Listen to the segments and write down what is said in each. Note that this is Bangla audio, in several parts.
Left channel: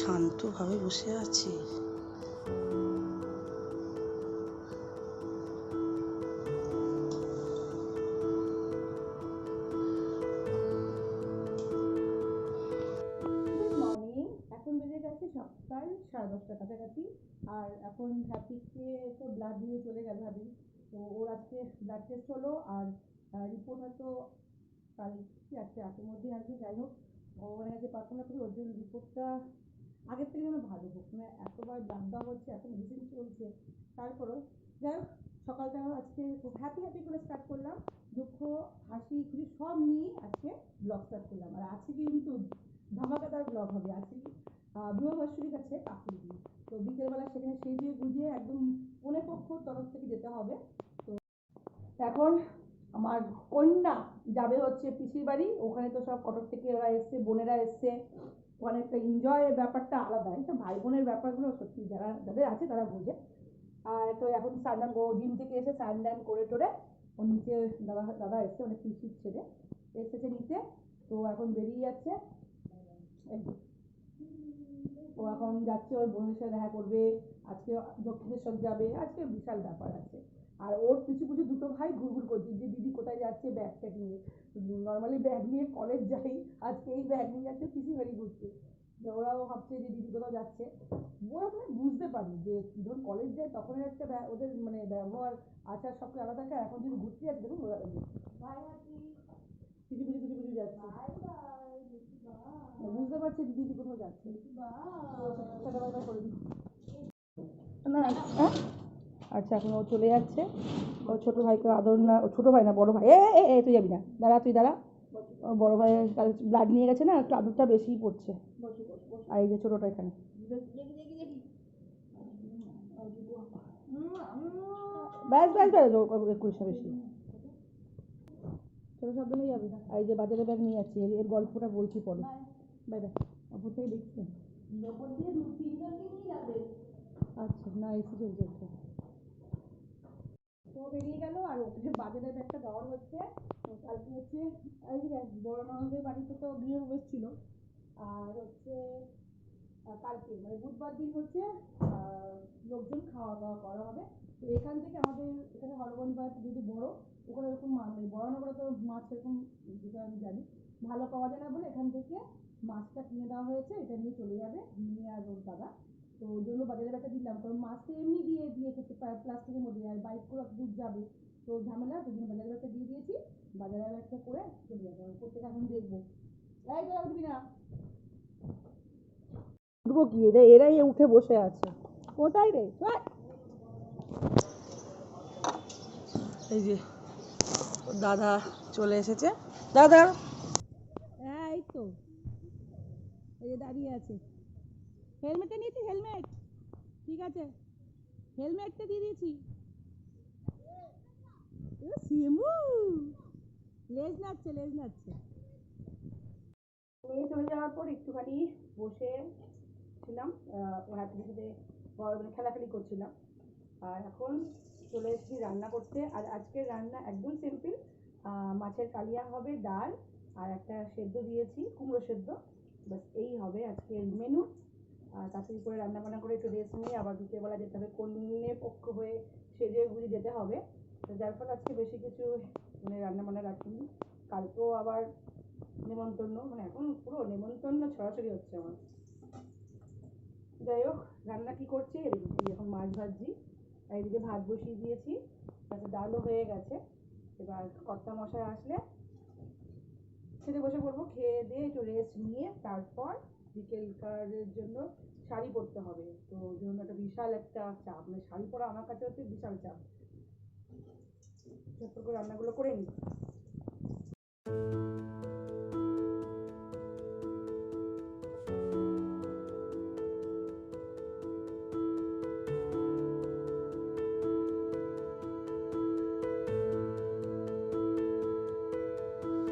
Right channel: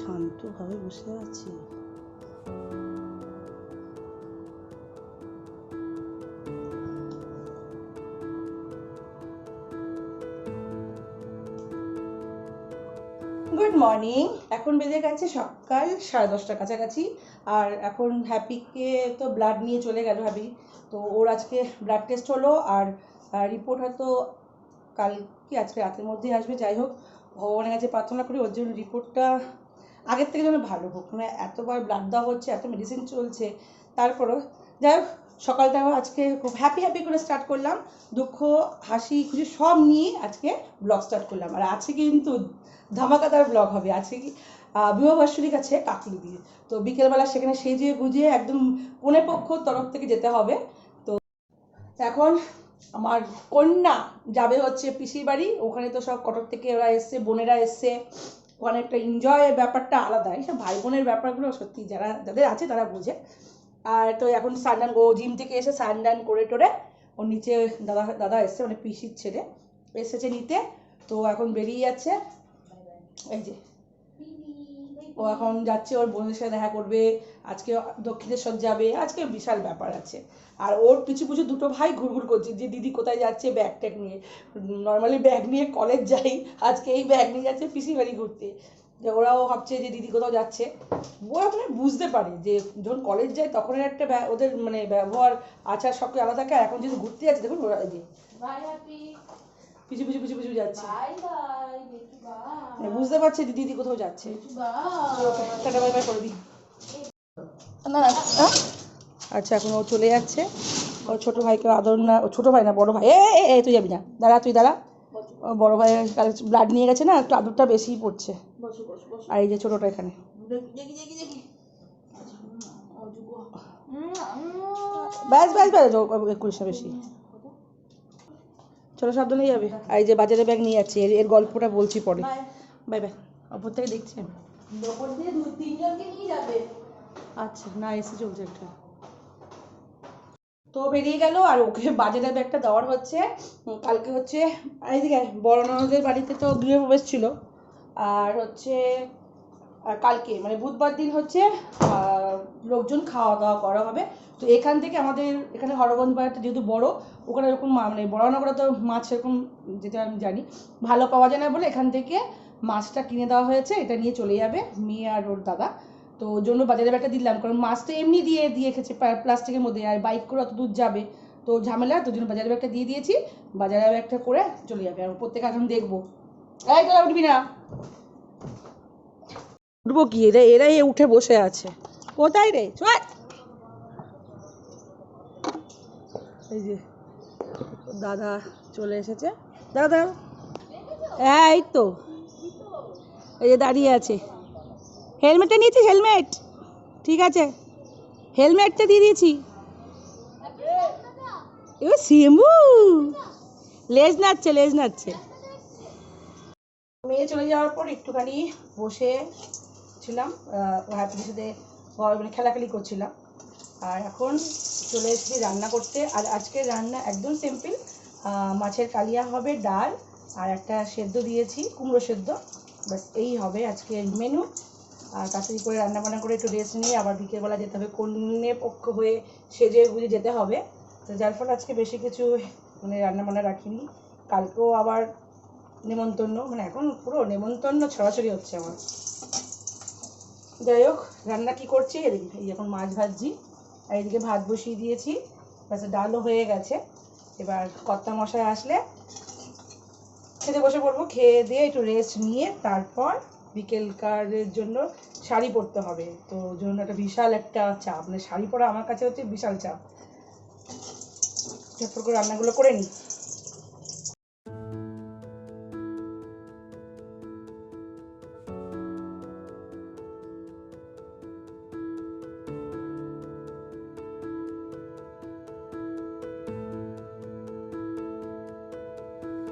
শান্তভাবে বসে আছি। মর্নিং এখন বেজে গেছে সকাল সাড়ে দশটার কাছাকাছি। আর এখন হ্যাপিকে তো ব্লাড নিয়ে চলে গেল হ্যাপি তো ওর আজকে ব্লাড টেস্ট হলো আর রিপোর্ট হয়তো কাল কি আজকে রাতের মধ্যেই আসবে। যাই হোক, ভগবানের কাছে প্রার্থনা করি ওর জন্য রিপোর্টটা আগের থেকে যেন ভালো হোক। মানে এতবার ব্লাড দেওয়া হচ্ছে এত মেডিসিন চলছে তারপরেও যাই হোক সকালটাও আজকে খুব হ্যাপি হ্যাপি করে স্টার্ট করলাম। দুঃখ হাসি খুশি সব নিয়ে আজকে ব্লগ স্টার্ট করলাম। আর আজকে কিন্তু ধামাকাদার ব্লগ হবে। আজকে কি আহ, বিবাহবার্ষিক আছে কাকলি দিয়ে তো বিকেলবেলা সেখানে সেজে গুজিয়ে একদম কোনে পক্ষ তরফ থেকে যেতে হবে। তো এখন আমার কন্যা যাবে হচ্ছে পিসির বাড়ি। ওখানে তো সব কটক থেকে ওরা এসছে বোনেরা এসছে। ওখানে একটা এনজয়ের ব্যাপারটা আলাদা। এইসব ভাই বোনের ব্যাপারগুলো সত্যি যারা, যাদের আছে তারা বোঝে। আর তো এখন সানডান ও জিম থেকে এসে সানডান করে টোরে ওর নিচে দাদা দাদা এসছে মানে পিসির ছেলে। এসেছে নিতে, তো এখন বেরিয়ে যাচ্ছে। এই যে। ও এখন যাচ্ছে, ওর বোনের সাথে দেখা করবে। আজকে দক্ষিণেশ্বর যাবে আজকে বিশাল ব্যাপার আছে। আর ওর পিছু পিছু দুটো ভাই ঘুরঘুর করছে যে দিদি কোথায় যাচ্ছে ব্যাগ ট্যাগ নিয়ে। নর্মালি ব্যাগ নিয়ে কলেজ যাই আজকে এই ব্যাগ নিয়ে যাচ্ছে পিসি বাড়ি ঘুরতে। যে ওরাও ভাবছে যে দিদি কোথাও যাচ্ছে। ওরা মানে বুঝতে পারে যে যখন কলেজ যায় তখন একটা ওদের মানে ব্যবহার আচার সব আলাদা থাকে এখন যেহেতু ঘুরতে যাচ্ছে দেখুন ওরা যে পিছু পিছু পিছু পিছু যাচ্ছে। মানে বুঝতে পারছে যে দিদি কোথাও যাচ্ছে। টাটা বাই বাই করে দিই না আচ্ছা এখন ও চলে যাচ্ছে। ও ছোট ভাইকে আদর না ও ছোট ভাই না বড় ভাই। এ এ, তুই যাবি না। দাঁড়া তুই দাঁড়া। বড় ভাইয়ের ব্লাড নিয়ে গেছে না একটু আদরটা বেশিই পড়ছে। আর এই যে ছোটটা এখানে। ব্যাস ব্যাস ব্যাস একুশ বেশি। চলো সাবধানে যাবে। আর এই যে বাজারে ব্যাগ নিয়ে যাচ্ছে এর গল্পটা বলছি পরে। বাই। বাই অপর থেকে দেখছেন আচ্ছা না এসে চলছে একটা। তো বেরিয়ে গেল আর ওকে বাজারে ব্যাগটা দেওয়ার হচ্ছে। কালকে হচ্ছে আয়, বড় ননদের বাড়িতে তো গৃহপ্রবেশ ছিল। আর হচ্ছে কালকে মানে বুধবার দিন হচ্ছে লোকজন খাওয়া দাওয়া করা হবে। তো এখান থেকে আমাদের এখানে হরগঞ্জ বাজারটা যেহেতু বড় ওখানে এরকম মানে বড় নগরে তো মাছ এরকম যেটা আমি জানি ভালো পাওয়া যায় না বলে এখান থেকে মাছটা কিনে দেওয়া হয়েছে এটা নিয়ে চলে যাবে মেয়ে আর ওর দাদা। তো জন্য বাজারে ব্যাগটা দিলাম, কারণ মাছ তো এমনি দিয়ে দিয়ে খেছে প্লাস্টিকের মধ্যে, আর বাইক করে অত দূর যাবে। তো ঝামেলা, তো জন্য বাজারে ব্যাগটা দিয়ে দিয়েছি। বাজারে ব্যাগটা করে চলে যাবে, আর থেকে এখন দেখব। এই তোরা উঠবি না। উঠবো কি? এরা এরাই উঠে বসে আছে। কোথায় রে? চল এই যে, দাদা চলে এসেছে। দাদা এই তো, এই যে দাঁড়িয়ে আছে। হেলমেটটা নিয়েছিস হেলমেট ঠিক আছে। হেলমেটটা দিয়ে দিয়েছি। ও সিমু লেজ নাচছে লেজ নাচছে মেয়ে চলে যাওয়ার পর একটুখানি বসে ছিলাম হ্যাপির সাথে মানে খেলাখেলি করছিলাম। আর এখন চলে এসেছি রান্না করতে। আর আজকে রান্না একদম সিম্পল মাছের কালিয়া হবে ডাল আর একটা সেদ্ধ দিয়েছি, কুমড়ো সেদ্ধ। ব্যাস, এই হবে আজকের মেনু আর তাড়াতাড়ি করে রান্না বান্না করে একটু রেস্ট নিয়ে আবার বিকেলবেলা যেতে হবে। কন্যে পক্ষ হয়ে সেজে গুজে যেতে হবে। তো যার ফলে আজকে বেশি কিছু মানে রান্না বান্না রাখিনি। কালকেও আবার নেমন্তন্ন মানে এখন পুরো নেমন্তন্ন ছড়াছড়ি হচ্ছে আমার। যাই হোক, রান্না কী করছি? এই এখন মাছ ভাজছি। আর এদিকে ভাত বসিয়ে দিয়েছি। ব্যাস, ডালও হয়ে গেছে। এবার কর্তা মশাই আসলে খেতে বসে পড়ব। খেয়ে দিয়ে একটু রেস্ট নিয়ে তারপর বিকেলকারের জন্য শাড়ি পরতে হবে। তো জন্য একটা বিশাল একটা চাপ মানে শাড়ি পরা আমার কাছে হচ্ছে বিশাল চাপ। ঝটপট করে রান্নাগুলো করে নিই।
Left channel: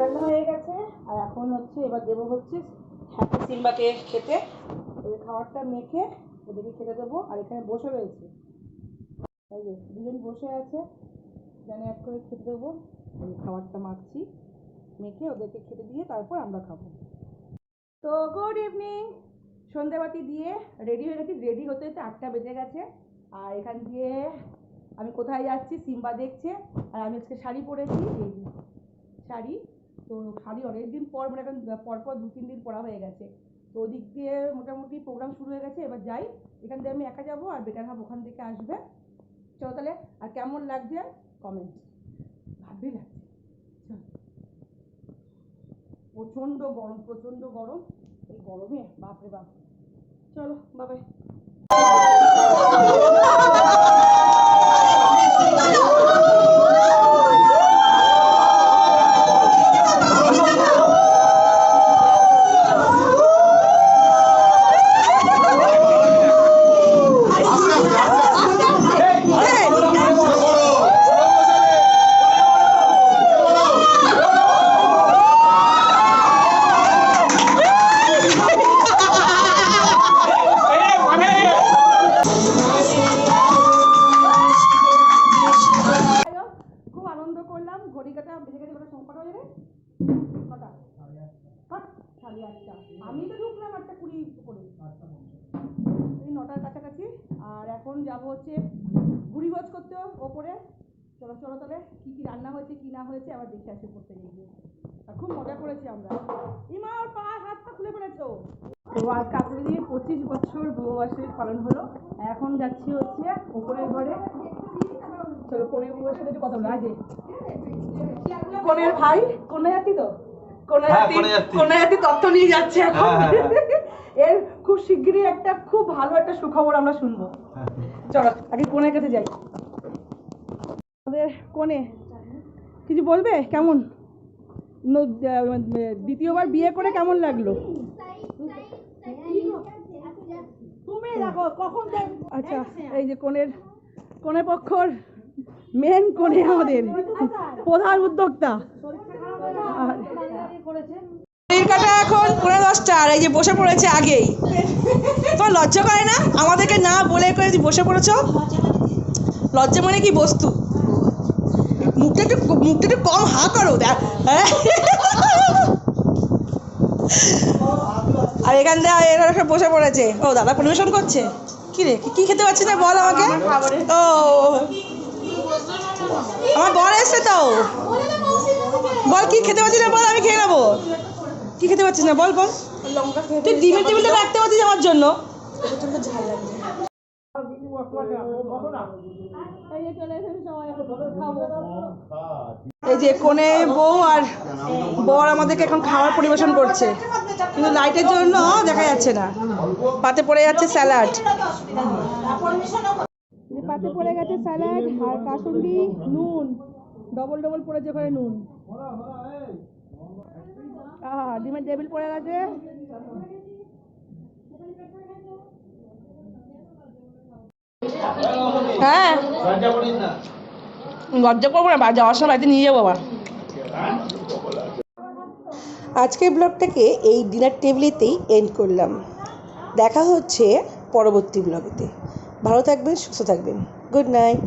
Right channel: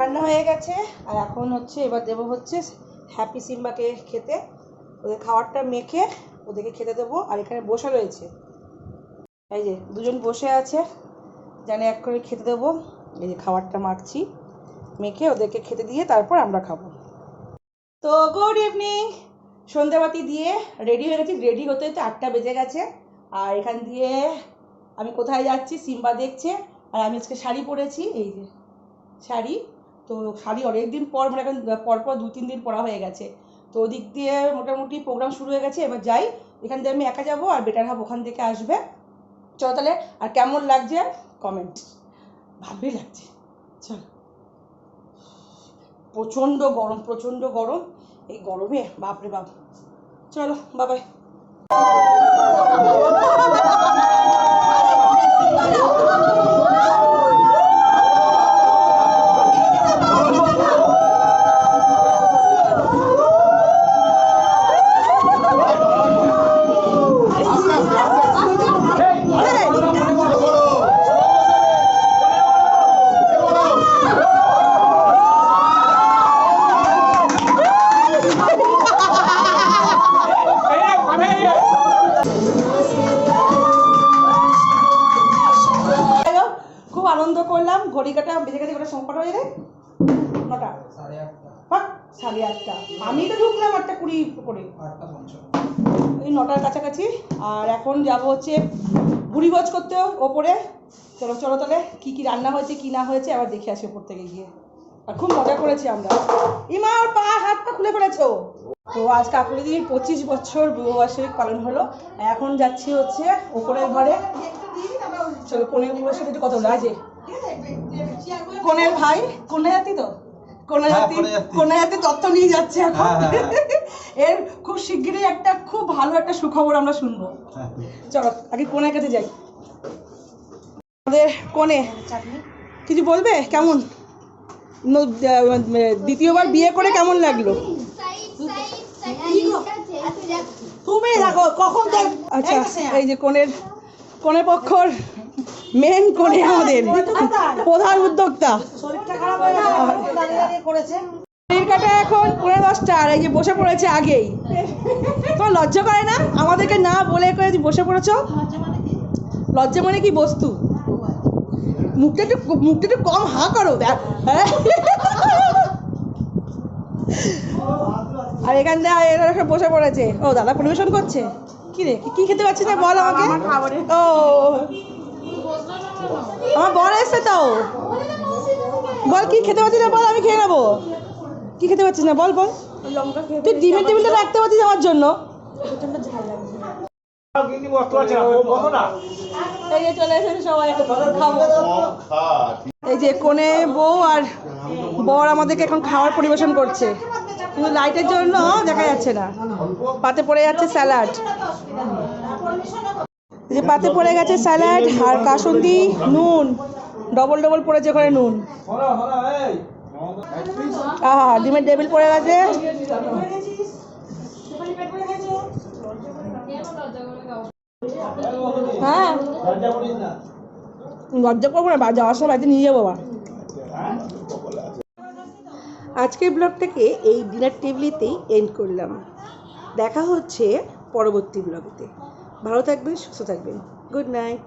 রান্না হয়ে গেছে, আর এখন হচ্ছে এবার দেবো হচ্ছে হ্যাপি সিম্বাকে খেতে, ওদের খাবারটা মেখে ওদেরকে খেতে দেবো। আর এখানে বসে রয়েছে। এই যে, দুজন বসে আছে জানে এক করে খেতে দেবো। এই যে, খাবারটা মাখছি, মেখে ওদেরকে খেতে দিয়ে তারপর আমরা খাব। তো গুড ইভিনিং সন্ধেবাতি দিয়ে রেডি হয়ে গেছি। রেডি হতে হতে আটটা বেজে গেছে। আর এখান দিয়ে আমি কোথায় যাচ্ছি, সিম্বা দেখছে। আর আমি আজকে শাড়ি পরেছি। এই যে, শাড়ি তো শাড়ি অনেক দিন পর মানে এখন পরপর দু, তিন দিন পরা হয়ে গেছে। তো ওদিক দিয়ে মোটামুটি প্রোগ্রাম শুরু হয়ে গেছে, এবার যাই। এখান দিয়ে আমি একা যাব আর বেটার হাব ওখান থেকে আসবে। চলো তাহলে, আর কেমন লাগছে কমেন্ট ভালোই লাগছে। চলো। প্রচণ্ড গরম প্রচণ্ড গরম। এই গরমে, বাপরে বাপ। চলো বাবাই সাড়ে আটটা। আমি তো ঢুকলাম আটটা কুড়ি করে। এই নটার কাছাকাছি। আর এখন যাব হচ্ছে বুড়ি ভুড়িভোজ করতে ওপরে। চলো চলো তাহলে কী কী রান্না হয়েছে কী না হয়েছে আবার দেখে আসি ওপর থেকে গিয়ে। আর খুব মজা করেছি আমরা। ইমা ওর পা হাত পা খুলে পড়েছো তো আজ কাকুলি দিদির পঁচিশ বছর বিবাহবার্ষিক পালন হলো। এখন যাচ্ছি হচ্ছে ওপরের ঘরে। চলো কনের সাথে একটু কথা বলো। আজ কনের ভাই কন্যা জাতি তো? হ্যাঁ, নিয়ে যাচ্ছে এখন। হ্যাঁ, হ্যাঁ, এর খুব শিগগিরই একটা খুব ভালো একটা সুখবর আমরা শুনব। চলো আগে কোনের কাছে যাই? আমাদের কোনে? কিছু বলবে? কেমন? দ্বিতীয়বার বিয়ে করে কেমন লাগল? তুমি দেখো কখন আচ্ছা এই যে কোনের কোনে পক্ষর মেন কোনে আমাদের প্রধান উদ্যোক্তা। কাটা এখন দশটা আর এই যে বসে পড়েছে আগেই। লজ্জা করে না? আমাদেরকে না বলে করে বসে মানে কি বস্তু? মুখটা একটু মুখটা একটু কম করো হ্যাঁ? আর এখান সব বসে পড়েছে। ও, দাদা পরিবেশন করছে? কি রে, কি- খেতে পাচ্ছিস না বল আমাকে? ও। আমার বর এসছে তো। বল কি খেতে পাচ্ছিস না? বল আমি খেয়ে নেব। কি খেতে পাচ্ছিস না? বল বল। তুই ডিমের টেবিলটা রাখতে পারছিস আমার জন্য। এই যে চলে এসেছে সবাই এখন খাব। এই যে কোনে বউ আর বর আমাদেরকে এখন খাবার পরিবেশন করছে। কিন্তু লাইটের জন্য দেখা যাচ্ছে না। পাতে পড়ে যাচ্ছে স্যালাড। এই যে পাতে পড়ে গেছে স্যালাড আর কাসুন্দি নুন। ডবল ডবল পড়েছে ওখানে নুন। আহা, ডিমের টেবিল পড়ে গেছে। হ্যাঁ। লজ্জা করব না যাওয়ার সময় বাড়িতে নিয়ে যাব আবার আজকের ব্লগটাকে এই ডিনার টেবিলেতেই এন্ড করলাম। দেখা হচ্ছে পরবর্তী ব্লগেতে ভালো থাকবেন, সুস্থ থাকবেন। Good night